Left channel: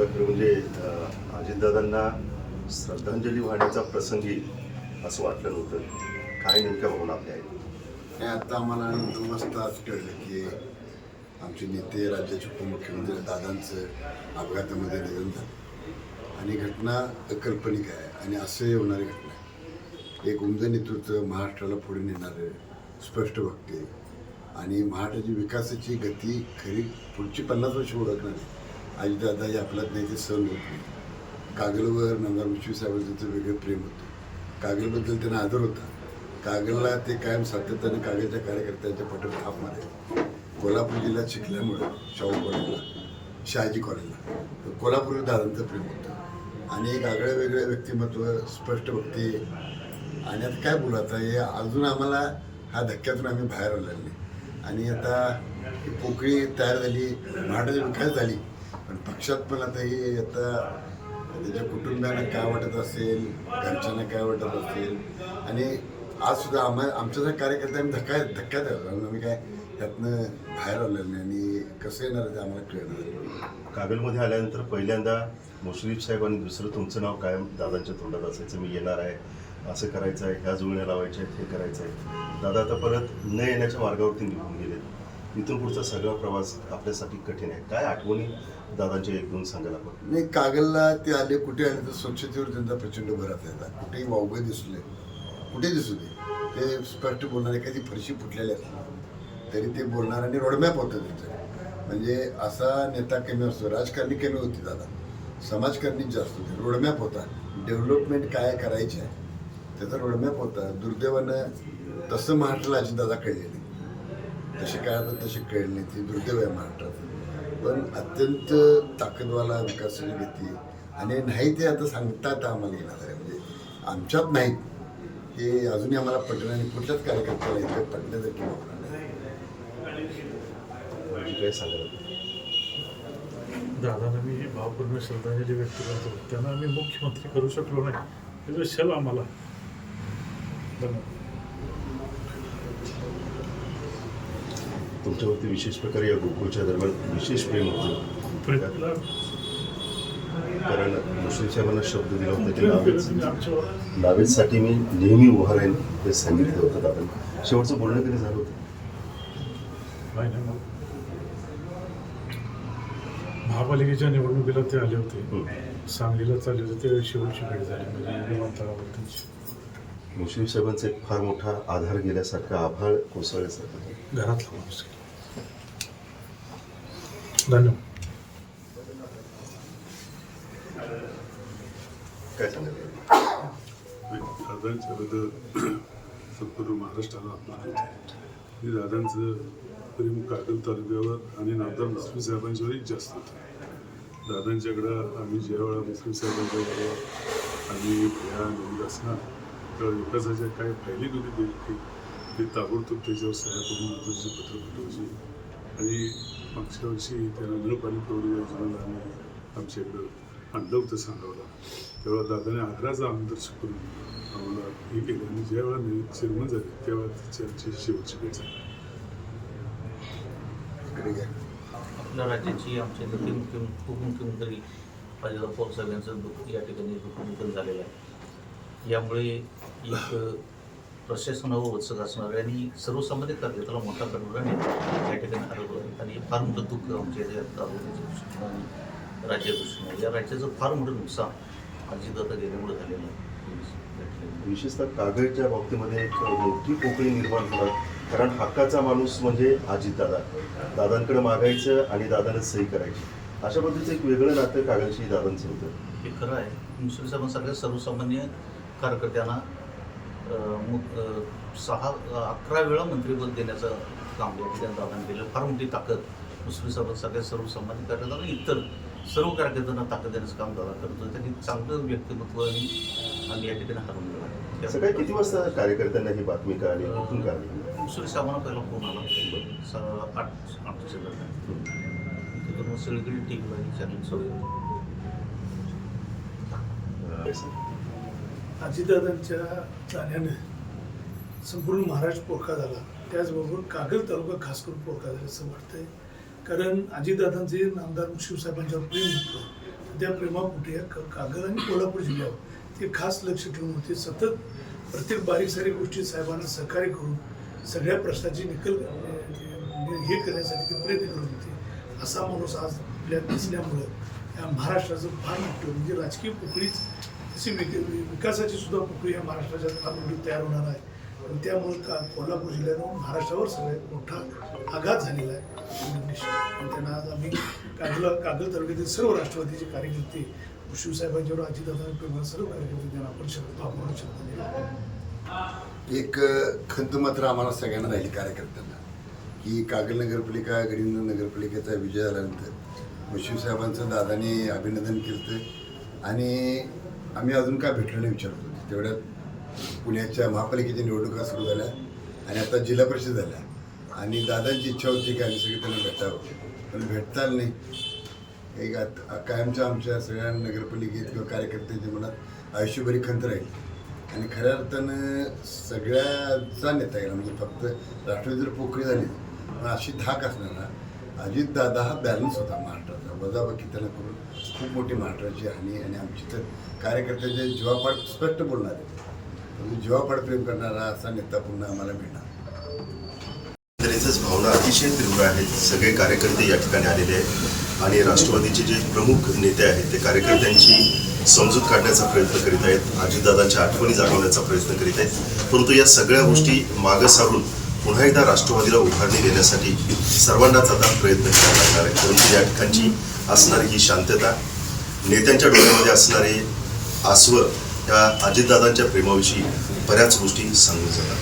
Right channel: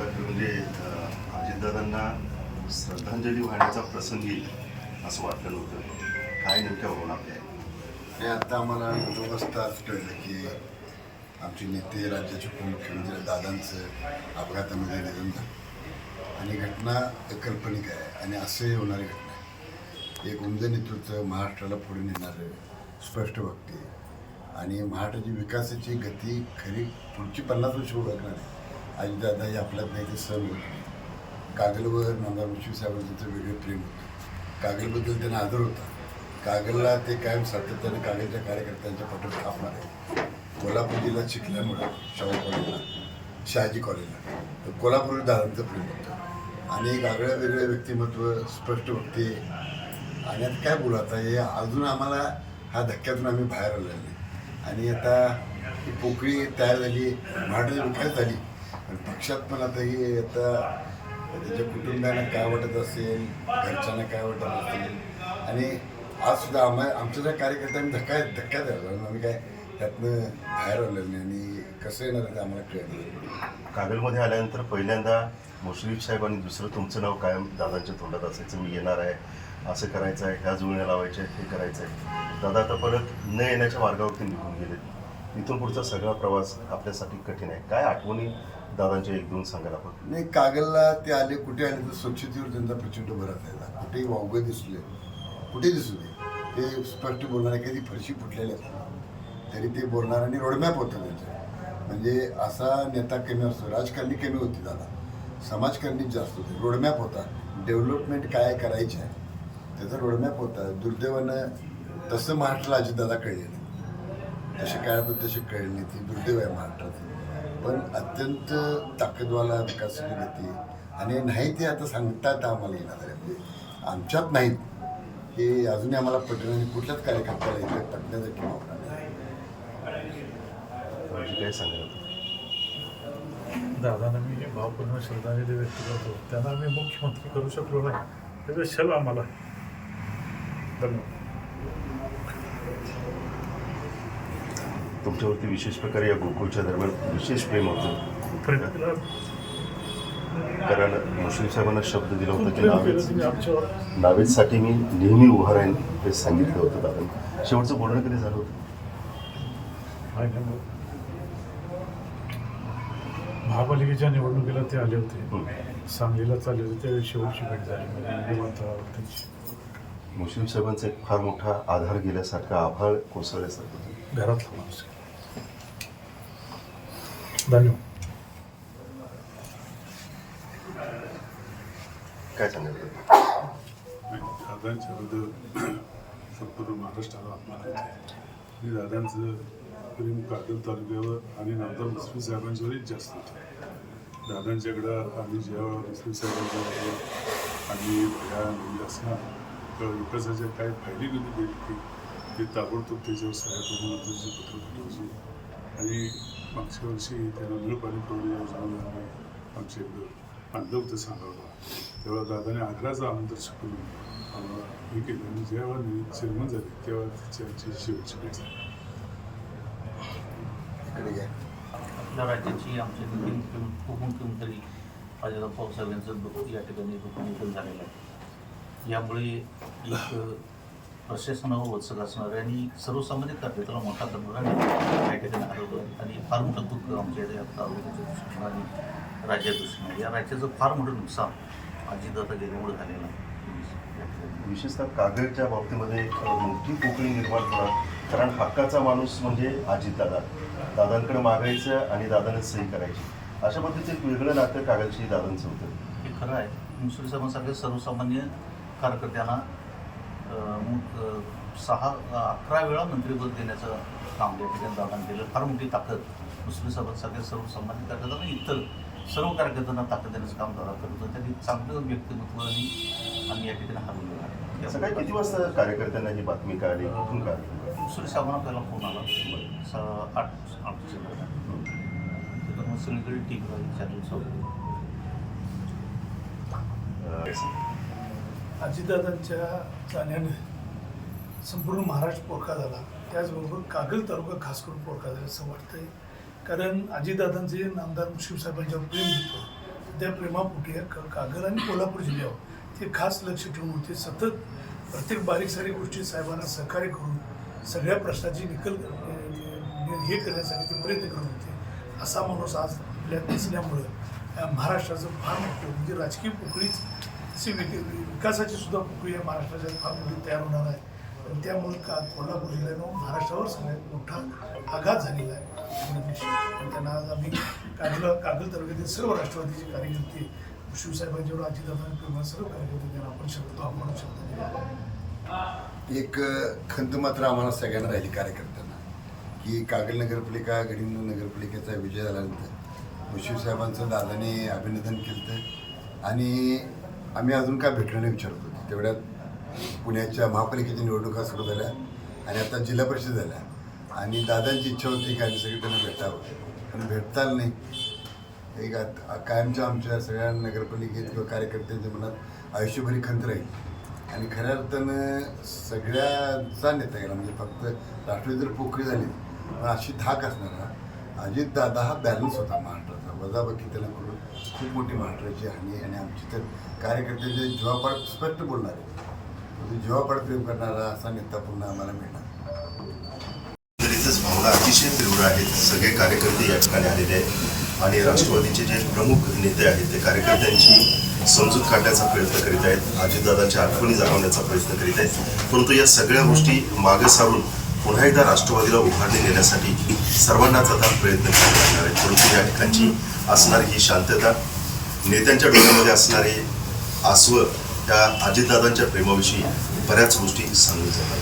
दादा म्हणजे अजितदादांना श्रद्धांजली वाहण्याचा प्रसंग येईल असं वाटलं नव्हतं. काय नेमक्या भावना आपल्या आहेत? हे आता आम्हाला 9 वाजता आज कळलं की आमचे नेते राज्याचे उपमुख्यमंत्री दादांचं अपघातामध्ये निधन झालं आणि घटना अकल्पनिक आहे आणि असंही होणारी घटना आहे. एक उमदं नेतृत्व, महाराष्ट्राला पुढे नेणारं, स्पष्ट वक्ते आणि महाराष्ट्राची विकासाची गती खरी पुढची 50 वर्ष ओळखणार आहे. अजितदादा हे आपल्यात नाही, ते सहन होत नाही. कागलवर नामदार मुश्रीफ साहेबांचं वेगळं प्रेम होतं. कागलबद्दल त्यांना आदर होता. कागलला ते कायम सातत्याने कागलच्या कार्यकर्त्यांच्या पाठोपाठ थांबणार आहे. कोल्हापूर जिल्ह्यात शिकल्यामुळं शाहू कॉलेजला, शहाजी कॉलेजला तर कोल्हापूर दादांचं प्रेम होतं आणि एक आगळं वेगळं व्यक्तिमत्व, स्पष्ट वक्ते. आणि आता काय बोलू, आता हे अजून आम्हाला हा धक्क्यातून आम्ही बाहेर आलेलो नाही. आणि आता ही पोकळी तयार झाली, महाराष्ट्राची विकास झाली, पण पक्षात पण आता ही आता त्याच्या कुटुंबियांना काय वाटत असेल, घरच्यांना काय वाटत असेल. आणि आज सुद्धा आमच्या कार्यकर्त्यांनी धक्क्यात आला, आम्ही काय त्यातनं बाहेर आलेलं नाही आणि कसं येणार आहे ते आम्हाला कळलं नाही. कागलमध्ये आल्यानंतर पहिल्यांदा मुश्रीफ साहेब आणि दुसरं तुमचं नाव कायम दादांच्या तोंडात असायचं, मी येणार आहे, असं करायचं आहे, ह्या जुळण्या लावायच्या आहेत, हे करायचं आहे. दादा आता परत न येण्याच्या मार्गावरती निघून गेले. इथून पुढचा सगळा प्रवास आपल्यासाठी कठीण आहे. काय आठवणी दादांच्या 1-2 सांगायला आपण? नाही, कागलला ते आले, कुठे आले तर स्वच्छतेवर त्यांचा प्रचंड भर असायचा. कुठेही वावगं दिसले, कुठे दिसू दे, ते स्पष्ट बोलणारे. कधी फरशी फुटलेली असली तरी ते बोलणार आणि रोडमॅप होतं त्यांचं. म्हणजे असा नेता कमी असतो, राजकारणी कमी होती दादा, समाजकारणीच जास्त होते. रोडमॅप होता, डेव्हलपमेंट काय करायची आहे त्याचा रोडमॅप होता. दुर्दैवानं तसं महाराष्ट्राला अजितदादा कळले नाही. तसे काय पण तसे कळले नाही, ती दुर्दैव आहे महाराष्ट्राचं. पण अत्यंत ताकदवाला विकासाची गती आणि नाही ते आता सांगतात आम्हाला येणार आहे. म्हणजे आमच्यात नाहीत हे अजूनही आम्हाला पटलं आणि कुठल्याच कार्यकर्त्याला इथे पटण्यासारखी भावना नाही. म्हणजे काय सांगायला? दादांना मी भावपूर्ण श्रद्धांजली व्यक्त करतो. त्यांना आम्ही मुख्यमंत्री करू शकलो नाही, त्याचा छल आम्हाला आहे. धन्यवाद. तुमच्यावरती विशेष प्रकारे या गोकुळच्या दरम्यान विशेष प्रेम होतं. प्रेमाला कारण मुश्रीफ साहेबांना शब्द दिला होता की प्रेम केलं तुम्ही आमच्यावर. नावेसाठी मी नेहमी उभा राहीन हे सांगितलं होतं दादांनी. शेवटचं बोलणं कधी झालं होतं? नाही, मग महापालिकेच्या निवडणुकीला ते आले होते, सांगलीला चालले होते, त्यावेळी शेवटची भेट झाली म्हणजे विमानतळावर त्यांची. मुश्रीफ साहेबांचा एक फार मोठा आधार गेल्यासारखा, आभाळ कोसळल्यासारखं. घरातला माणूस केला. धन्यवाद. काय सांगायचं? दादांच्याबद्दल संपूर्ण महाराष्ट्राला आपलं होते आणि दादांचं प्रेम कागल तालुक्यावर आणि नामदार मुश्रीफ साहेबांच्यावरही जास्त होतं. दादांच्याकडं आम्ही ज्यावेळा मुश्रीफ साहेबांच्याबरोबर आम्ही भया नवीन असणार तेव्हा विकासाच्या काय फायली कधी दिली की ते ताबडतोब त्याच्यावर सह्या करून नंतरची पत्र पाठवायची. आणि मागच्या वर्षी त्यांना नळ पाणी पुरवठा योजनेला आम्ही आमच्या इकडं आणलं होतं सांगावला. तेव्हा दादाने आग्राचं आमदर्शन करून आम्हाला हे केलं आणि जेव्हा चेअरमन झाले तेव्हा तिची शेवटची भेट झाली. आपल्या राज्याची आमचे उपमुख्यमंत्री अजितदादा पवार साहेब यांचं या ठिकाणी निधन झालेलं आहे. यामुळे एक प्रशासनावर वचक असणार आहे आणि सर्वसामान्य कार्यकर्त्याला मोठा करणार आणि या ठिकाणी हरवलं आहे. आणि फार मोठं दुःख आमच्या या तालुक्याच्या दृष्टीनं आणि राज्याच्या दृष्टीनं, या राज्याचं फार मोठं नुकसान अजितदादा गेल्यामुळे झालेलं आहे. विशेषतः कागलच्या बाबतीमध्ये एक मोठी पोकळी निर्माण होणार. कारण हक्काचा माणूस म्हणजे अजितदादा. दादांकडे मागायचं आणि दादानं सही करायची, अशा पद्धतीचं एक वेगळं नातं कागलशी दादांचं होतं. हे खरं आहे. मुश्रीफ साहेबांसारख्या सर्वसामान्य कार्यकर्त्यांना 11 वेळा मंत्रिपद देण्याचं काम या ठिकाणी दादांनी केलं. फार मोठी ताकद मुश्रीफ साहेबांसारख्या सर्वसामान्य कार्यकर्त्यांना, इतर सर्व कार्यकर्त्यांना ताकद देण्याचं काम दादा करतो. त्यांनी चांगलं व्यक्तिमत्व आणि आम्ही या ठिकाणी हरवलेलं आहे. सकाळी किती वाजता कार्यकर्त्यांना ही बातमी कळाली, कुठून कळाली? मुश्रीफ साहेबांना पहिला फोन आला 8च्या दरम्यान. तिथून मग सगळीकडे टीव्हीला विचारली सवय. अजितदादांच्या जाण्याने संपूर्ण महाराष्ट्र पोरका झाला, त्याचबरोबर कागल तालुका खास करून पोरका झाला असं वाटतंय. कारण अजितदादांचे नामदार मुश्रीफ साहेबांच्यावर प्रेम होतं. त्या प्रेमापोटी या कागल आणि कोल्हापूर जिल्ह्यावर ते खास लक्ष ठेवून होते. सतत प्रत्येक बारीक सारीक गोष्टी साहेबांना सहकार्य करून सगळ्या प्रश्नाची हे करण्यासाठी ते प्रयत्न करत होते. असा माणूस आज आपल्यात नसल्यामुळं या महाराष्ट्राचं फार मोठं म्हणजे राजकीय पोकळीच तशी विकासाची सुद्धा पोकळी या महाराष्ट्राच्या फार मोठी तयार होणार आहे. आणि त्यामुळं कोल्हापूर जिल्ह्यानं महाराष्ट्रावर सगळ्यात मोठा आघात झालेला आहे निश्चित. आणि त्यांना आज आम्ही कागल तालुक्यातील सर्व राष्ट्रवादीचे कार्यकर्ते शिवसाहेबांच्यावर अजितदादा प्रेम सर्व कार्यकर्ते त्यांना आपण शब्द दिला. एक खंत मात्र आम्हाला सगळ्यांना राहिली कार्यकर्त्यांना की कागल नगरपालिका गडिंग्लज नगरपालिकेचा विजय झाल्यानंतर शिवसाहेबांचं दादाने अभिनंदन केलं आणि आम्ही अजून काय भेटलो नाही विचारत होतो. तेवढ्यात पुण्याच्या महापालिकेच्या निवडणुका सुरू झाल्या आणि आता जिल्हा परिषद झाल्या आणि दादांची इच्छा होती की आम्ही सगळे त्यांना भेटावं, पण भेटता आलं नाही. एक कायमच्या आमच्या सगळ्या नगरपालिकेत किंवा कार्यकर्त्यांच्या मनात आयुष्यभरी खंत राहील. आणि खऱ्या अर्थानं सगळ्याचा नेता गेला म्हणजे फक्त राष्ट्रवादी जर पोकळी झाली पण अशी धाक असणारा अजितदादा हा बॅलन्स होता महाराष्ट्राचा. वजाबाकी त्यांना करून खूप मोठी महाराष्ट्राची हानी आणि आमची तर कार्यकर्त्यांच्या जीवापाड स्पष्ट बोलणारे पण जीवापाड प्रेम करणारा असा नेता पुन्हा आम्हाला मिळणार. एकंदरीतच भावना अतिशय तीव्र आहेत. सगळे कार्यकर्ते या ठिकाणी आलेले आहेत आणि राष्ट्रवादीचे जे प्रमुख नेते आहेत ते कार्यकर्त्यांची समजूत काढण्याचा प्रयत्न करीत आहेत, अजितदादांच्या आठवणी जागवण्याचा प्रयत्न करीत आहेत. परंतु या सगळ्या गोष्टी मागं सारून पुन्हा एकदा राष्ट्रवादीला उभारणी देण्यासाठी सर्वांनाच आता प्रयत्न करावे लागणार आहेत. परंतु या ठिकाणची असणारी ही शांतता, नेत्यांच्या डोळ्यामध्ये असणारे आसवं या अजितदादांच्या प्रेमाविषयी बऱ्याच गोष्टी सांगून जातात.